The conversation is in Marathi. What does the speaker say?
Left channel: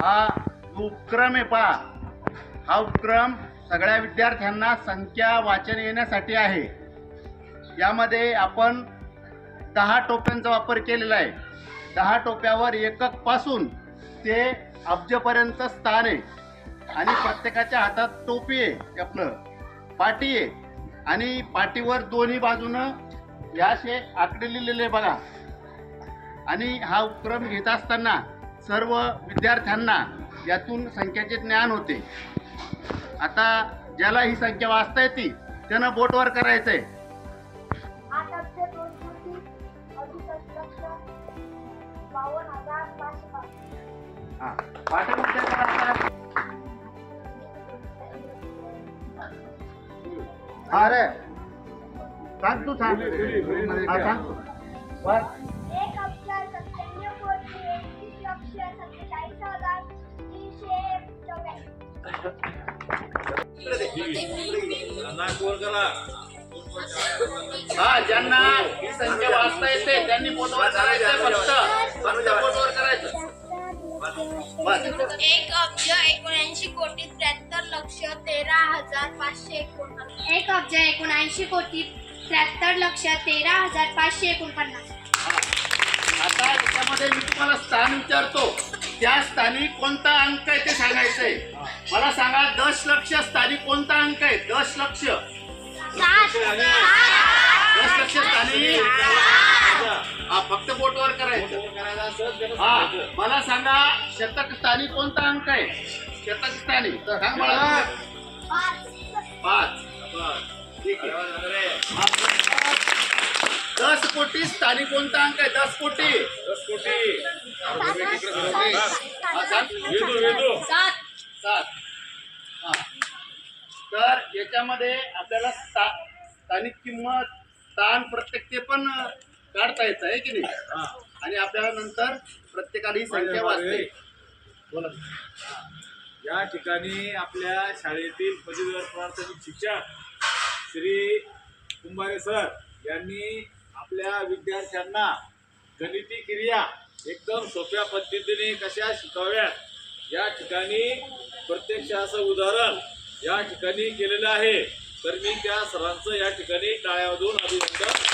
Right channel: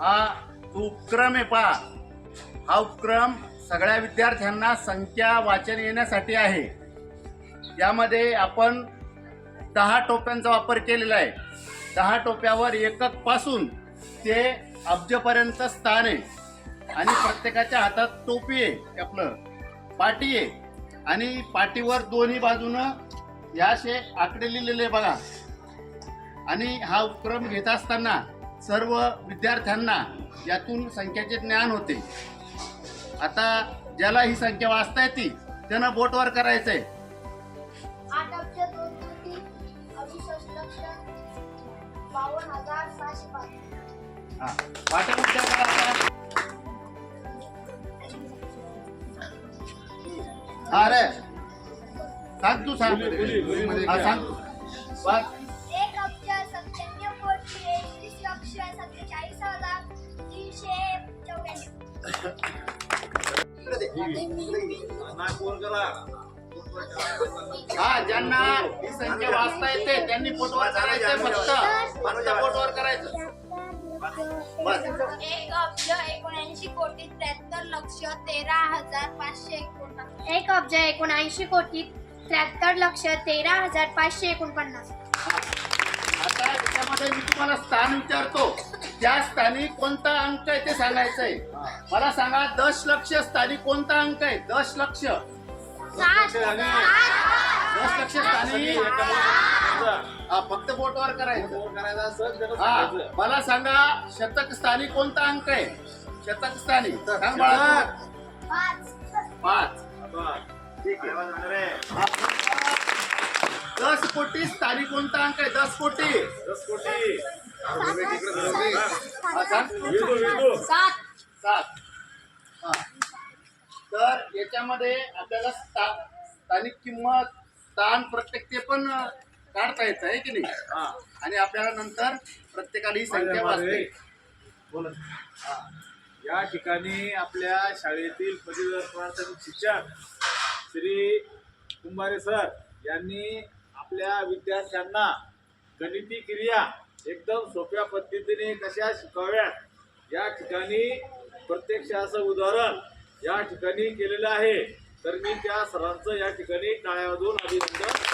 हा जो उपक्रम आहे पहा. हा उपक्रम सगळ्या विद्यार्थ्यांना संख्या वाचन येण्यासाठी आहे. यामध्ये आपण दहा टोप्यांचा वापर केलेला आहे. दहा टोप्यावर एककपासून ते अब्जपर्यंत स्थान आहे. आणि प्रत्येकाच्या हातात टोपी आहे आपलं. पाटी आहे. आणि पाटीवर दोन्ही बाजूनं या आकडे लिहिलेले बघा. आणि हा उपक्रम घेत असताना सर्व विद्यार्थ्यांना यातून संख्याचे ज्ञान होते. आता ज्याला ही संख्या वाचता येते त्यानं बोटवर करायचंय. आठ अब्ज दोन कोटी अडुसष्ट लक्ष बावन्न हजार सहाशे पाच. हा. पाठी उलट्या करायचा हा रे. सांग तू सांग. हा सांग. बस. हा ज्यांना ही संख्या वाचता येते त्यांनी करायचंय फक्त. करायचं. बस. एक अब्ज एकोणऐंशी कोटी त्र्याहत्तर लक्ष तेरा हजार पाचशे एकोणपन्नास. एक अब्ज एकोणऐंशी कोटी त्र्याहत्तर लक्ष तेरा हजार पाचशे एकोणपन्नास. आता याच्यामध्ये मी तुम्हाला स्थान विचारतो. त्या स्थानी कोणता अंक आहे ते सांगायचंय? मला सांगा दश लक्ष स्थानी कोणता अंक आहे? दश लक्ष. दश लक्ष स्थानी हा फक्त बोटवर करायचं. हा मला सांगा शतक स्थानी कोणता अंक आहे? शतक स्थानी सांग मला. पाच. ठीक आहे. दस कोटी स्थानी कोणता अंक आहे? दस कोटी. हा, सांग. सात. सात. हा. तर याच्यामध्ये आपल्याला स्था- स्थानिक किंमत स्थान प्रत्येक ते पण काढता येतं आहे की नाही? आणि आपल्याला नंतर प्रत्येकाने ही संख्या वाचते. बोला. या ठिकाणी आपल्या शाळेतील पदवीधर प्राथमिक शिक्षक श्री कुंभारे सर यांनी आपल्या विद्यार्थ्यांना गणिती क्रिया एकदम सोप्या पद्धतीने कशा शिकाव्यात या ठिकाणी प्रत्यक्ष असं उदाहरण या ठिकाणी केलेलं आहे. तर मी त्या सरांचं या ठिकाणी टाळ्यामधून अभिनंदन